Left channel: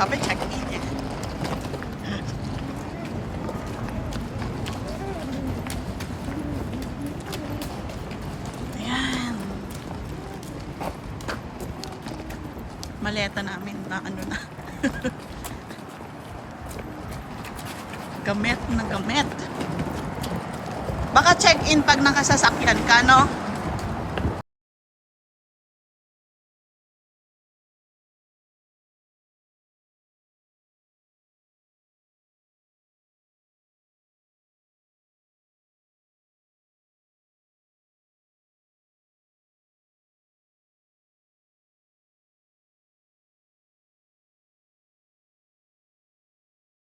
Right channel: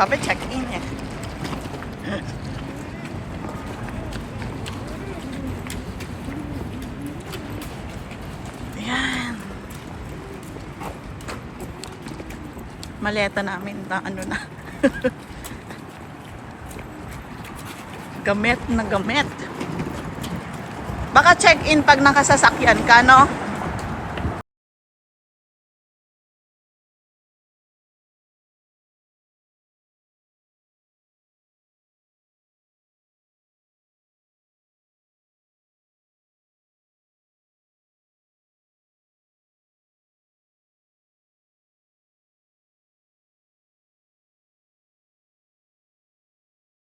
Sabi check-in eh. Ayan. Maleta namin na ano na. Gamit na gamit. Baka check-in pag nakasasakyan ka, no?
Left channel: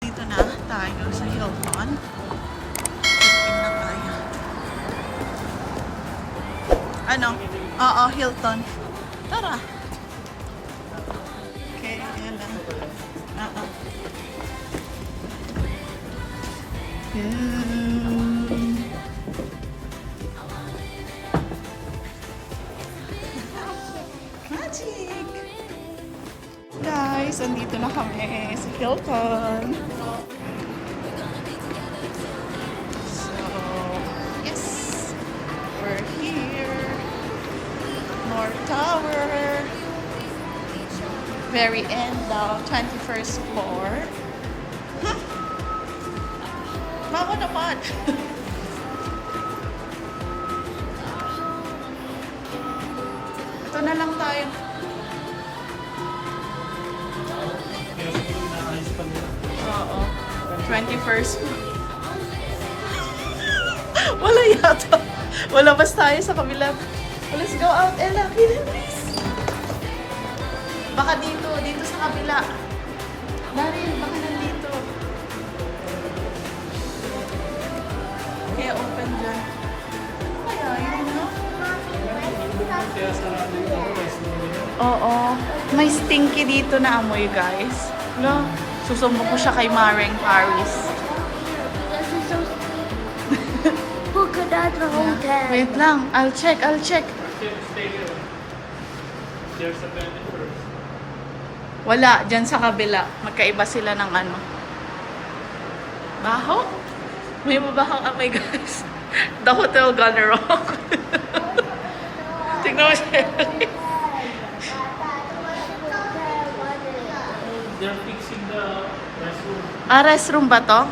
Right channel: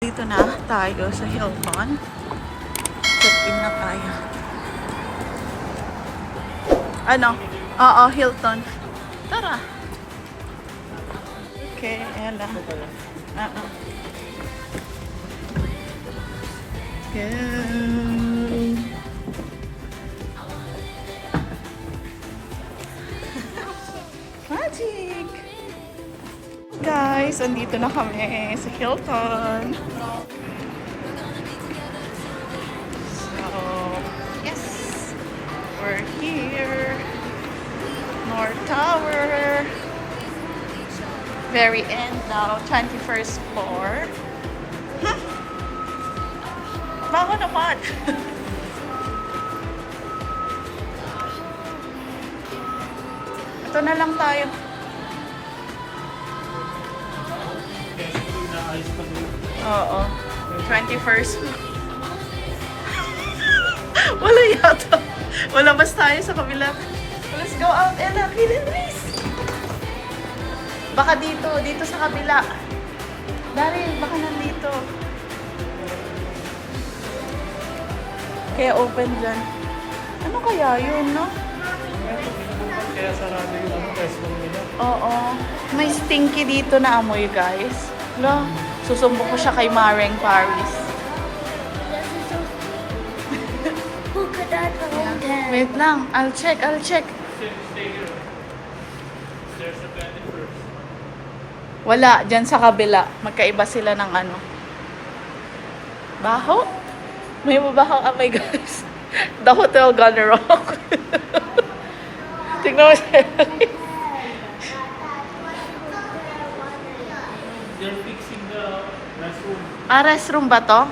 Dito na tayo sa Hilton. Check-in na tayo. Ano? Oo, Hilton. Tara. Okay, ayan lang. Magic! Guys, andito na kami sa Hilton. So, yes! We're here. North Tower. Very end daw, 21st floor. Bago naman. Ito na lang tayo. Oo. 21st. Wala yata. Wala bas tayo sa kabila. Let's go out, Ella. Please. Baka dito sa kabila. Daryl, baka nandito. Kaya open dyan. Ano kaya yun, no? Oo. May stinky dito na amoy, guys. No? Susumbong ko siya kay Mareng Paris. Wait lang. I'll check. Wala. Dyan sa kabila. Magkaiba sila ng ano. Baho? May mabahang amoy, guys. The hotel gone wrong. Tignan mo siya. They're fixing the restroom. Restroom ba to?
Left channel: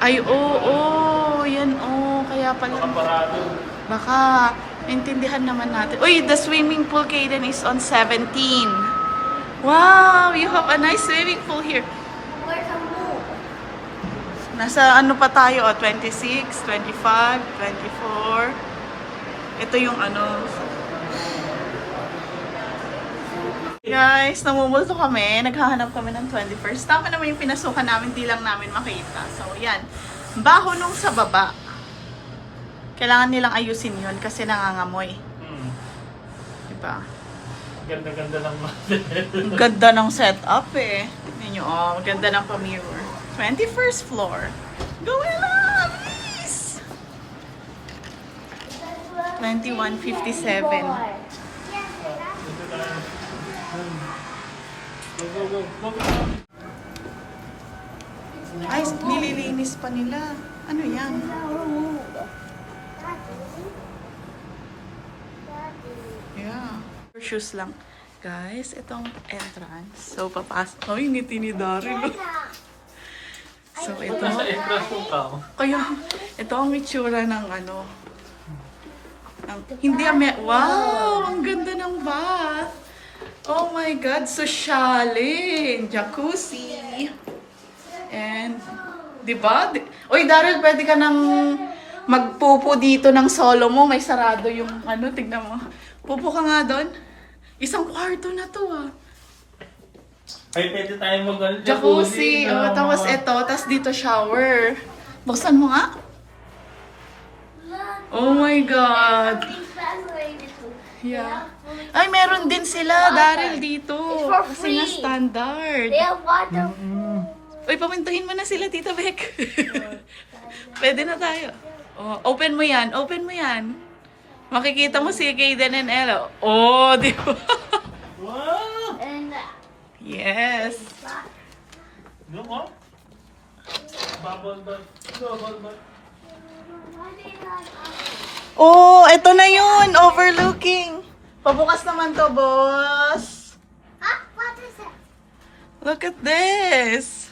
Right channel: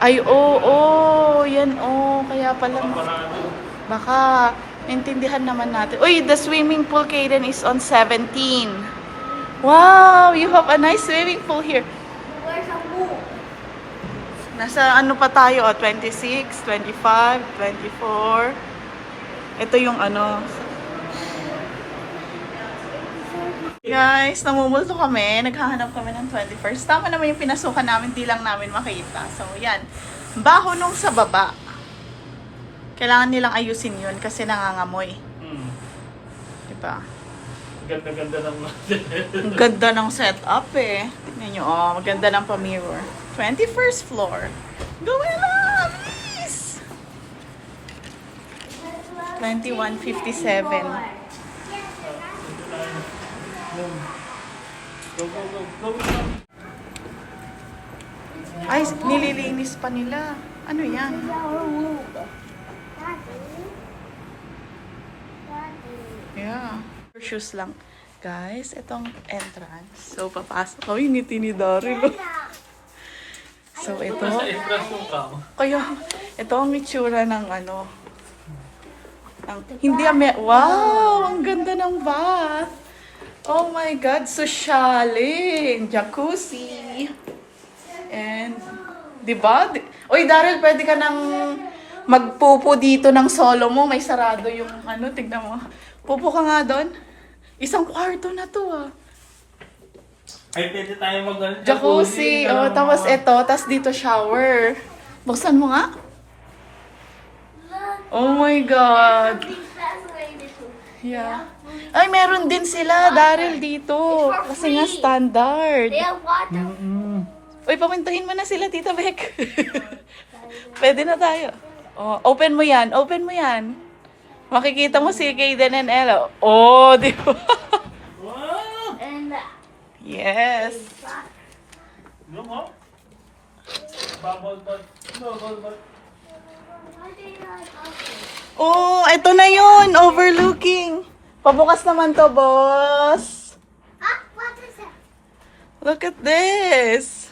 Ay, oo. Yan, kaya pala. Baka, intindihan naman natin. Uy, the swimming pool, Kaden, is on 17. Wow, you have a nice swimming pool here. Nasa ano pa tayo, 26, 25, 24. Ito yung ano. Guys, namumulto kami. Naghahanap kami ng 21st. Tama naman yung pinasukan namin, di lang namin makita. So, yan. Baho nung sa baba. Kailangan nilang ayusin yun kasi nangangamoy. Diba? Ganda-ganda ng Ang ganda ng setup eh. Tignan nyo, maganda ng pa-mirror. 21st floor. Go Ella, please! 2157. Ay, nililinis pa nila. Ano yan? Yeah. Shoes lang. Guys, itong entrance. So, papasok. Oh, ngiti ni Daryl. So, ito. Kaya, ito ang itsura ng ano. Hindi wow! Ang ganda ng bath. Oh my God, sosyalin. Jacuzzi. And, di ba? Uy, Daryl, pwede ka nang magpupo dito ng solo mo. May sarado yung ano, tignan mo. Pupo ka nga doon. Isang kwarto na to Ay, pwede tayo jacuzzi. Tapos ito, tapos dito shower. Buksan mo nga. Oh my God. Yeah. Ay, meron din sila, Daryl, dito. Kasi nga standard. Uy, pamintahin mo na sila, Tita Beck. Pwede na tayo. Open mo yan. Makikita mo si Kaden and Ella. Oh, di ba? Wow! Yes. No mo? Bubble butt. No, bubble butt. Oh, eto na yun. Overlooking. Pabukas naman to, boss. Huh? What is it? Look at this.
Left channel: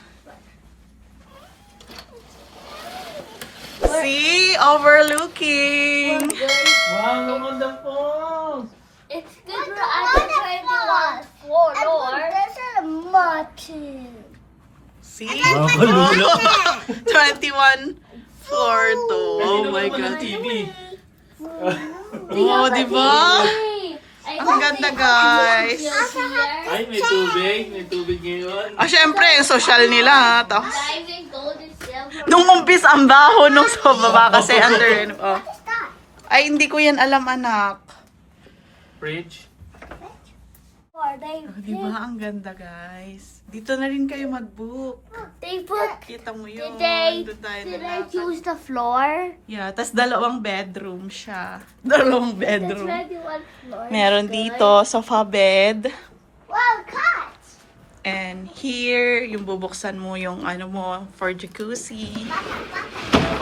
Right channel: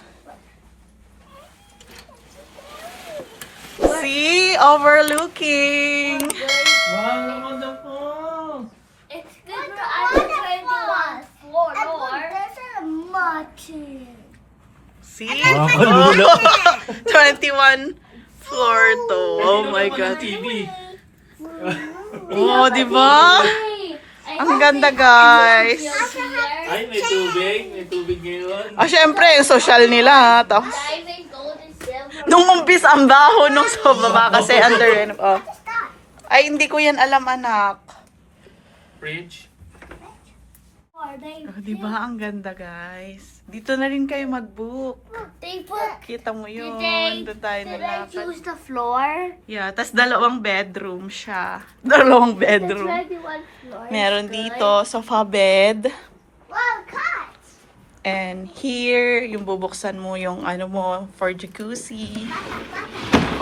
See? Overlooking. Wow, magandang falls. It's good for us to try to floor. This is a mountain. See? Wow, Oh, 21 floor to. Oh my God. TV. Oh, di ba? Ang ganda, guys. Ay, may tubig. May tubig ngayon. Ah, syempre, yung social nila. Tapos, Diamond, gold, and silver. nung umpis ang baho nung sa baba kasi under. Oh. Ay, hindi ko yan alam, anak. Fridge. Oh, di ba? Ang ganda, guys. Dito na rin kayo mag-book. They put. Kita mo yun. Did Doon tayo Did I nalakad. choose the floor? Yeah, tas dalawang bedroom siya. Dalawang The bedroom. 21 floor. Meron dito, sofa bed. Wow, cut. And here, yung bubuksan mo yung ano mo for jacuzzi.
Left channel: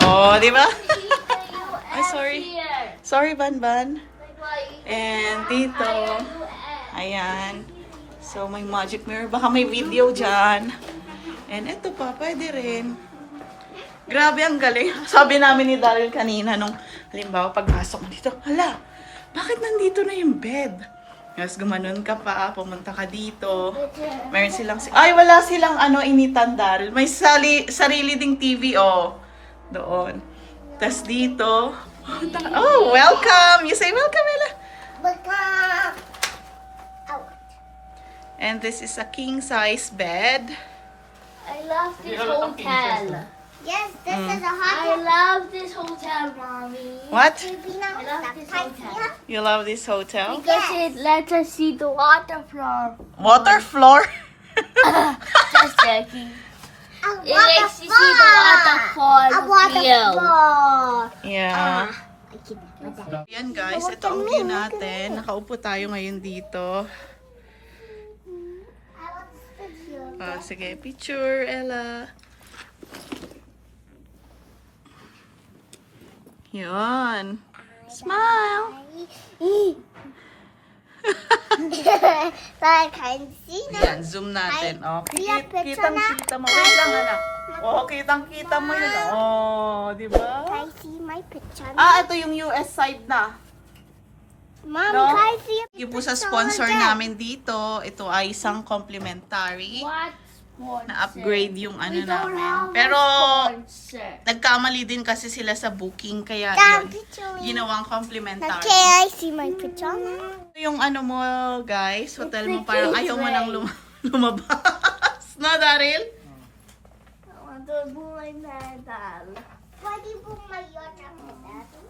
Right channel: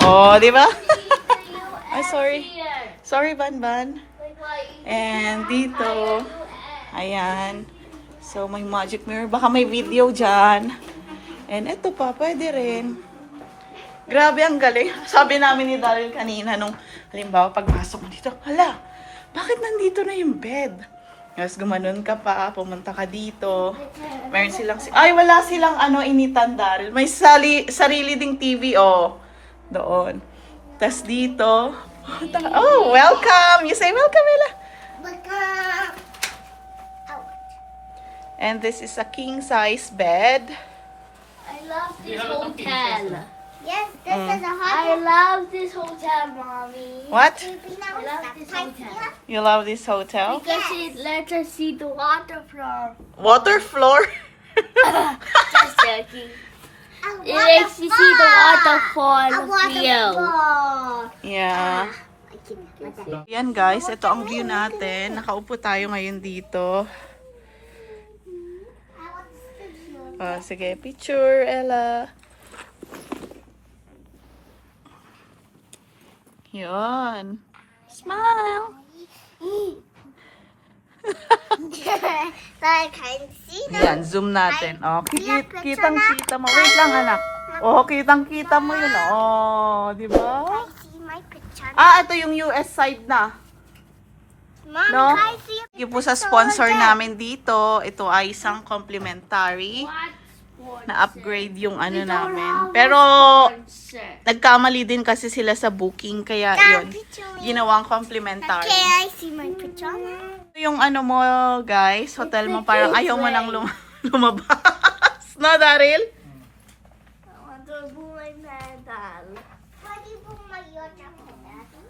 Oh, di ba? Ay, sorry. Sorry, Banban. And dito, ayan. So, may magic mirror. Baka may video dyan. And ito pa, pwede rin. Grabe, ang galing. Sabi namin ni Daryl kanina nung, halimbawa, pagpasok mo dito, hala, bakit nandito na yung bed? Tapos gumanon ka pa, pumunta ka dito. Meron silang, ay, wala silang initan, Daryl. May sarili ding TV, oh. Doon. Tapos dito, oh, welcome! You say welcome, Ella. And this is a king-size bed. I love this hotel. Yes, this is a hot I love this hotel, Mommy. What? I love this hotel. You love this hotel? Because it lets us see the water floor. Water floor? Just joking. It makes you see the waterfall, the view. Yeah. I can Yan guys, ito ang view natin. Nakaupo tayo ngayon dito. Sige, picture, Ella. Yun. Smile! So I can see them. Yan, zoom natin. Oh, kitang-kita mo. Wait lang, anak. Oh, kitang-kita mo yun. Oh, di ba? Can I see my picture? Ah, ito yung US side na. Mom, No? can I see Thank you po sa sponsor namin dito. Ito ay isang complimentary na upgrade yung ano namin. Pero, nagkamali din kasi sila sa booking. Kaya yun, ginawang complimentary. Can I see my picture? Yung ano mo, guys, hotel mo parang ayaw mo nang lumabas. No, Daryl? Why do you put my jacket, Daddy?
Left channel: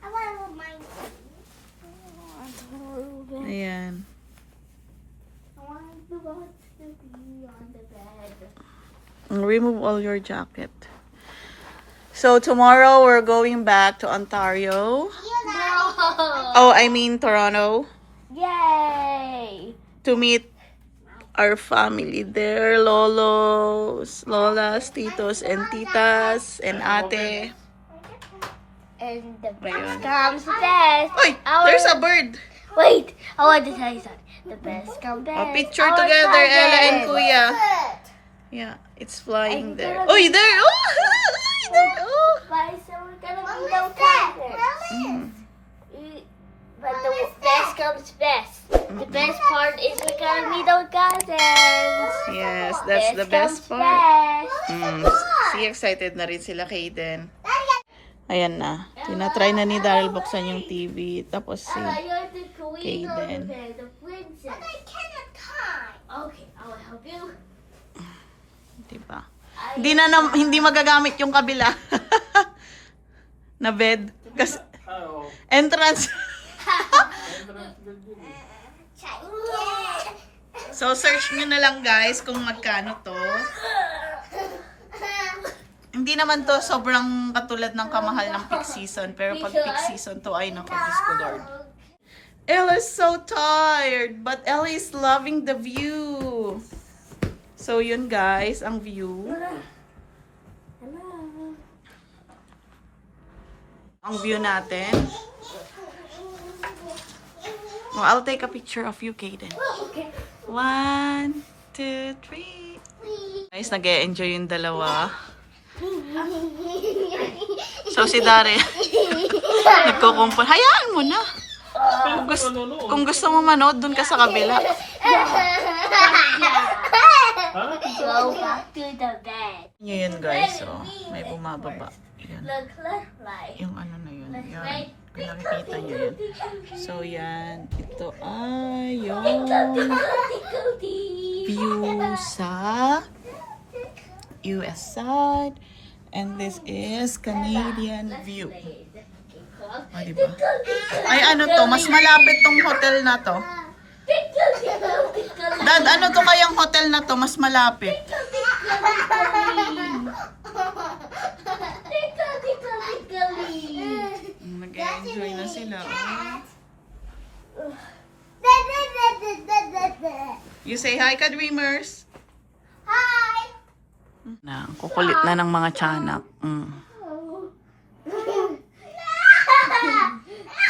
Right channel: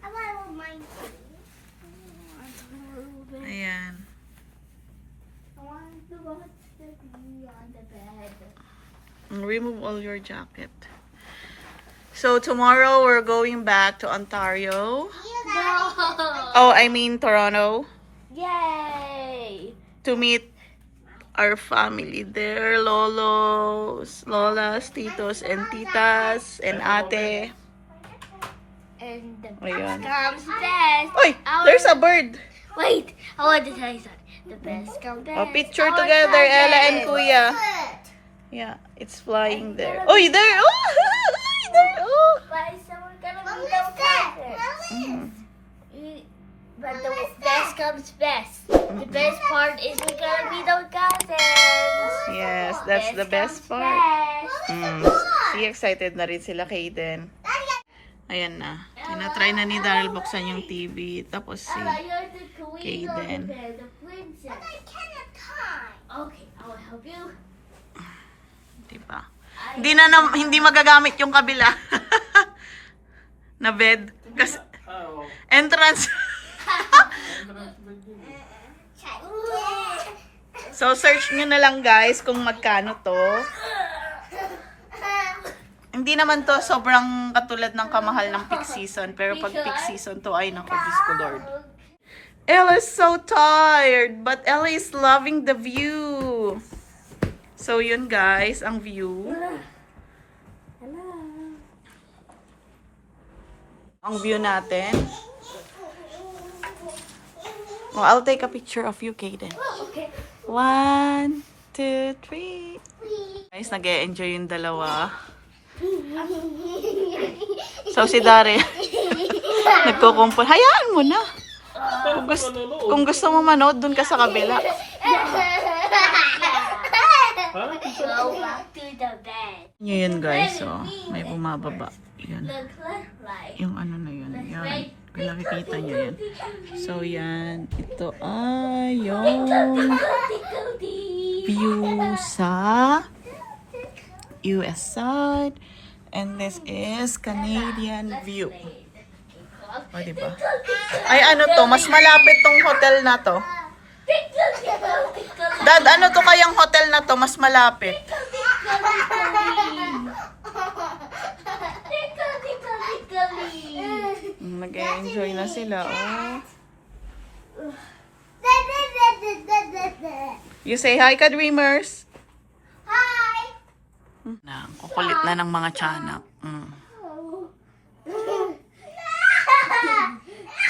I want to my Ayan. I want to watch the view on the bed. Remove all your jacket. So, tomorrow we're going back to Ontario. No! Oh, I mean Toronto. Yay! To meet our family there. Lolos, lolas, titos, and titas, and ate. And the Ayun. best comes best. Oy! There's a bird! Wait, I want to tell you something. The best comes best. A picture together, Ella and Kuya. Yeah, it's flying there. Oy, there! Oh! Oy, there! Oh! But someone's gonna What be was the that? Mm. But the best comes best. The best part is we're gonna meet our cousins. Yes, that's the best comes part. best. See, excited na rin sila, Kaden. Ayan na. Tinatry na ni Daryl buksan yung TV. Tapos si... Ella, you're the queen over Kaden. there, the princess. I cannot tie. Okay, I will help you. Diba? Hindi magagamit yung kabila. Na bed. Kasi Oh. entrance. So, search nyo na lang guys kung magkano to. Hindi naman to sobrang katulad ng kamahal ng peak season. Pero pag peak season to ay naku, Diyos ko Lord. Ella's so tired, but Ella is loving the view. So, yun guys, ang view. Hello. Ang view natin. Oh, I'll take a picture of you, Kaden. Okay. 1, 2, 3. Guys, nag-e-enjoy yung dalawa. So, si Daryl, nagkukumpul. Hayaan mo na. Kung gusto mo manood, dun ka sa kabila. Ha? Go back to the bed. Yun guys, so, may bumababa. Yan. Look left, right. Yung ano na yun. Yan. Kung nakikita nyo yun. So, yan. Ito ay yung view sa US side. And this is Canadian view. O, diba? Ay, ano to? Mas malapit tong hotel na to. Dad, ano to kayang hotel na to? Mas malapit. Nag-enjoy na sila, oh. You say hi ka, Dreamers. Hi. Na, kukulit na ng mga tiyanak.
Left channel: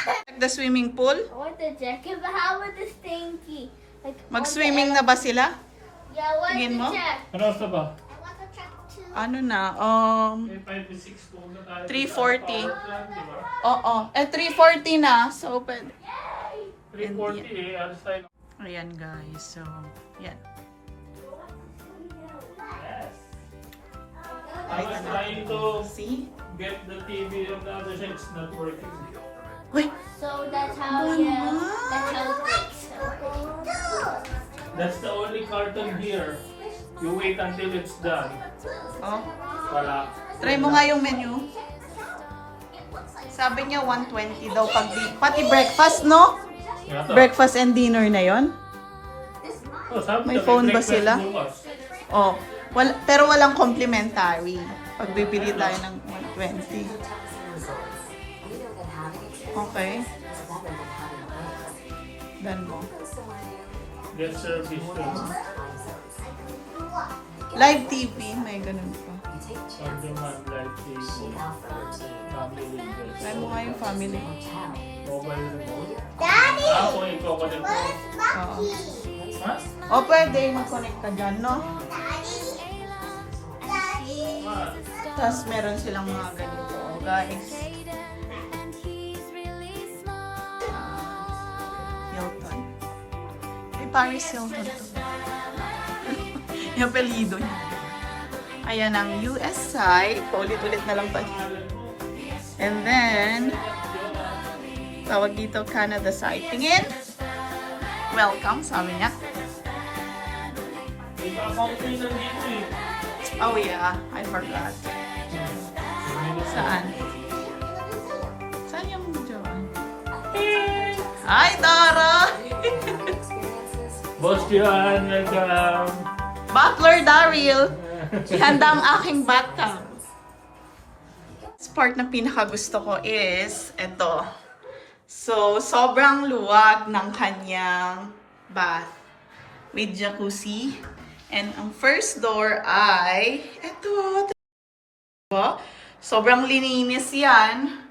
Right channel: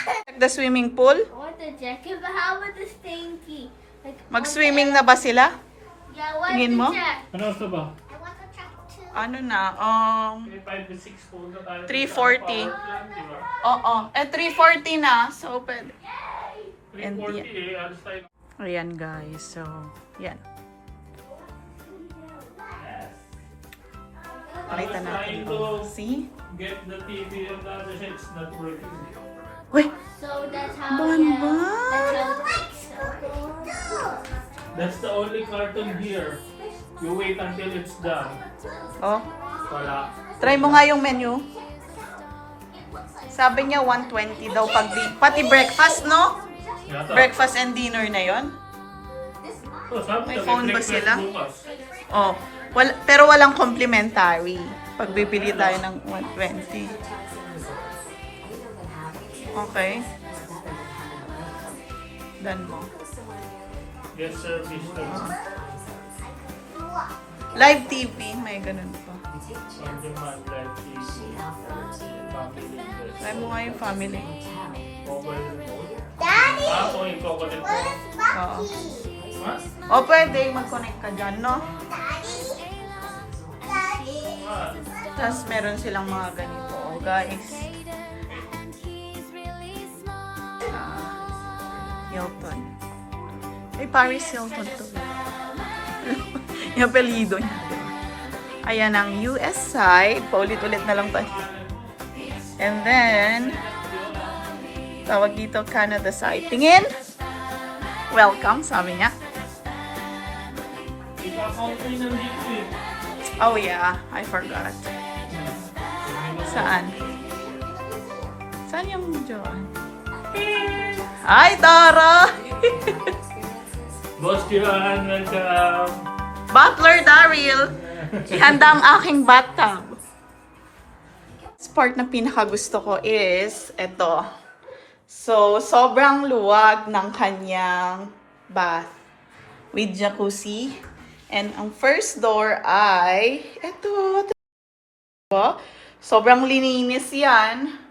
Check the swimming pool. I want the jacket, but how about the stinky? Like, Mag-swimming na ba sila? yeah, what Tingin is mo? the jacket? Ano sa ba? I want to check too. Ano na? 5 to 6 po na tayo. 3:40. Oo. 3:40 na. So, pwede. 3:40 eh. Alas tayo. Ayan, guys. So, yan. Pakita I was trying to natin. See? get the TV on the other side. It's not working. Wait. So that's how Mama. That's the only carton here. You wait until it's done. Oh. Wala. Try mo nga yung menu. Sabi niya 120 daw pag pati breakfast, no? Yata. Breakfast and dinner na yun. Oh, sabi May niya, phone ba breakfast sila? bukas. Oh. Pero walang complimentary. Pag bibili tayo ng 120. Okay. Dan mo. Guest service. Live TV, may ganun pa. On demand live TV. Family guest. Try mo nga yung family. Mobile remote. Daddy, Ako yung coconut mo. Oo. Ha? O pwede, mag-connect ka dyan, no? Ah, Tapos meron silang mga ganito, guys. Hilton. Ay, Paris Hilton to. Yung apelido niya. Diba? Ayan ang US side. Paulit-ulit na lang tayo. And then, tawag dito Canada side. Tingin! Welcome, sabi niya. ika-account ko yun nandito eh. Oh yeah, I forgot. Saan? Saan yung Joanne? Hi, Tara! Boss Johan, welcome. Butler Daryl! Ihanda ang aking bathtub. This part na pinakagusto ko is ito. So, sobrang luwag ng kanyang bath with jacuzzi. And ang first door ay ito. Diba? Sobrang lininis yan.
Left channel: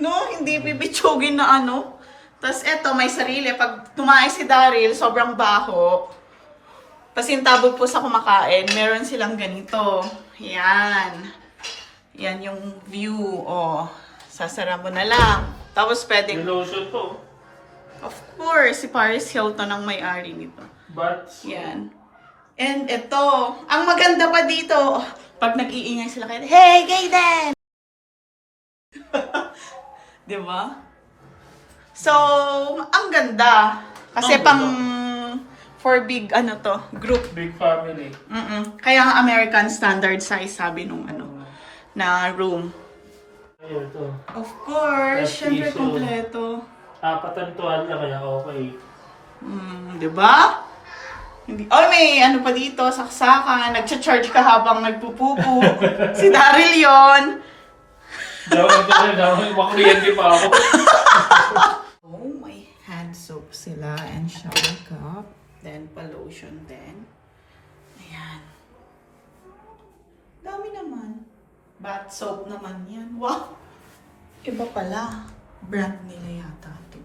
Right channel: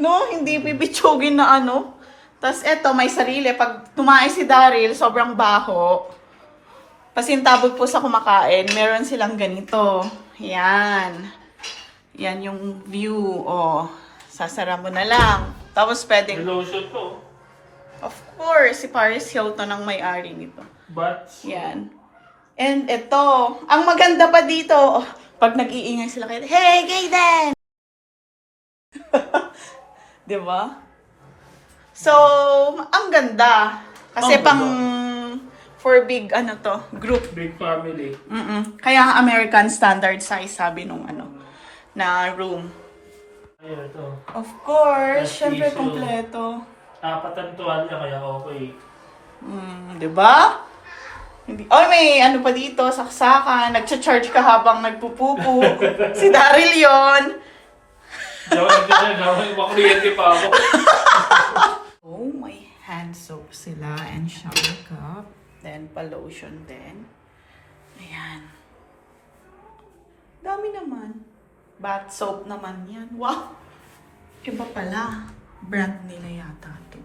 No, hindi bibitsugin na ano. Tapos eto, may sarili. Pag tumae si Daryl, sobrang baho. Pasintabog po sa kumakain, meron silang ganito. Yan. Yan yung view. O, sasara mo na lang. Tapos pwedeng, Lotion to. of course, si Paris Hilton ang may-ari nito. But, Yan. And ito, ang maganda pa dito, pag nag-iingay sila kayo, hey, Kaden! Diba? So, ang ganda. Kasi Ang pang, for big, ano to, group. big family. Kaya ang American standard size, sabi nung ano, na room. Ayun, ito. Of course, That's syempre tissue. kompleto. Patantuhan na kaya okay. Diba? Hindi. Oh, may ano pa dito, saksakan, nagcha-charge ka habang nagpupupo. Si Daryl yon. Daw makuryente pa ako. Oh, may hand soap sila and shower cup. Then, pa-lotion din. Ayan. Dami naman. Bath soap naman yan. Wow! Iba pala. Brand nila yata to.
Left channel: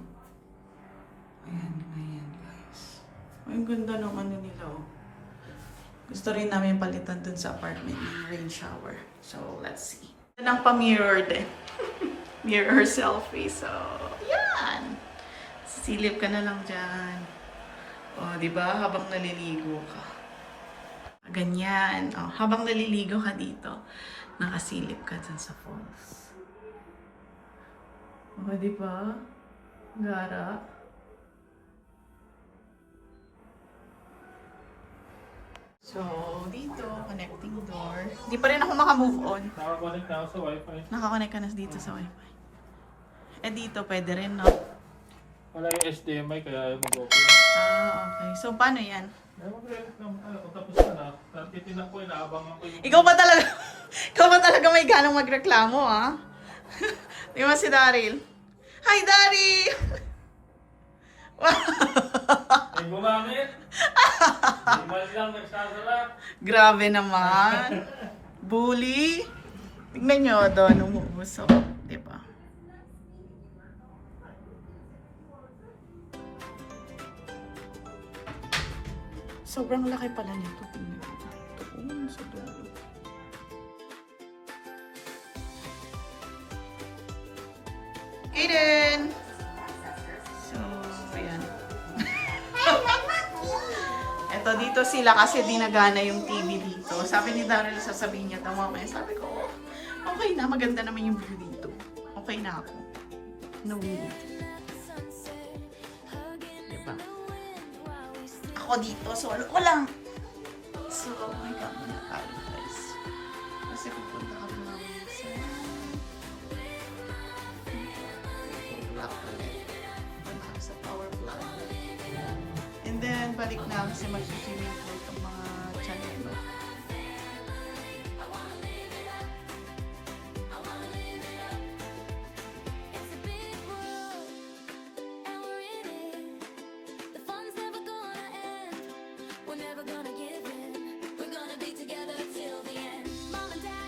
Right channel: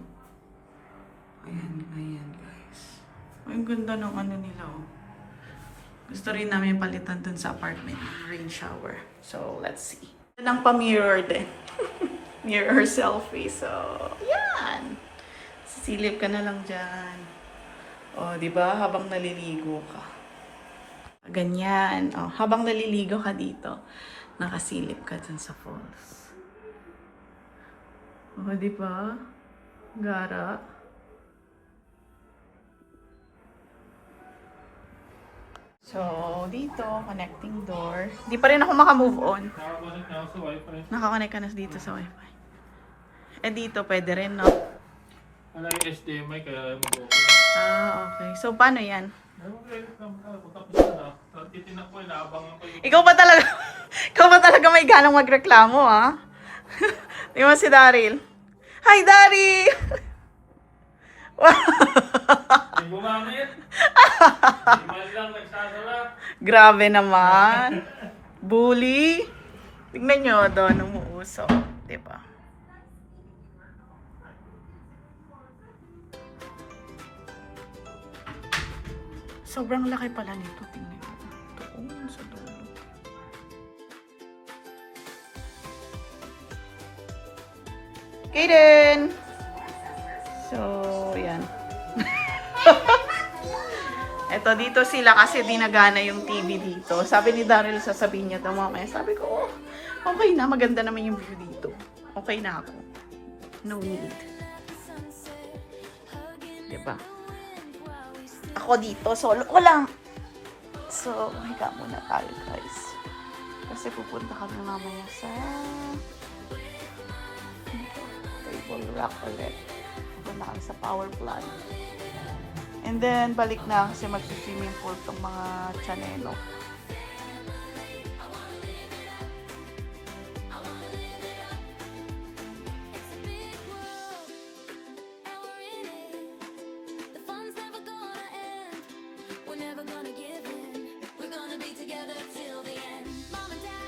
Ayan, ayan guys. Ang ganda ng ano nila oh. Gusto rin namin palitan dun sa apartment ng rain shower. So, let's see. Ito lang pa-mirror din. Mirror selfie. So, yan. Silip ka na lang dyan. O, di ba? Habang naliligo ka. Ganyan. O, habang naliligo ka dito, nakasilip ka dun sa falls. O, di ba? Gara. So, dito, connecting door. Di pa rin ako makamove on. Nakabalik na ako sa wifi. Nakakonect ka na dito sa wifi. Eh, dito, pwede rin, no? Wala yung HDMI kaya mag-open. Ah, okay. So, paano yan? Ay, mag-record lang ako. Tapos na. Titinak ko, inaabangan ko yung... Ikaw ba talaga may ganang magreklamo, ha? Di mo si Daryl? Hi, Daryl! Ay, bumangit! Di man lang nagsasala. Grabe naman. Bully. Tingnan nyo doon, umuusok. Di ba? Sobrang laki pala nito. Tingnan mo. Doon sa dulo. Kaden! So, yan. Eto, dito sila kasi dinagana yung TV dito. Sabi ni Daryl, sasabihin niya ito mamaya. Sabi ko, oh, okay na. Maganda naman yung view dito. Okay na ako. No need. Diba? Ako dito, solo ko lang. So, higa muna tayo, guys. Kasi pupunta kami mamaya sa... table lock ulit. Pupunta kami sa power plant. And then, balik na kasi mag-swimming pool tong mga chanelo. It's a big world, and we're in it. The fun's never gonna end. We're never gonna give in. We're gonna be together till the end. Mom and Dad.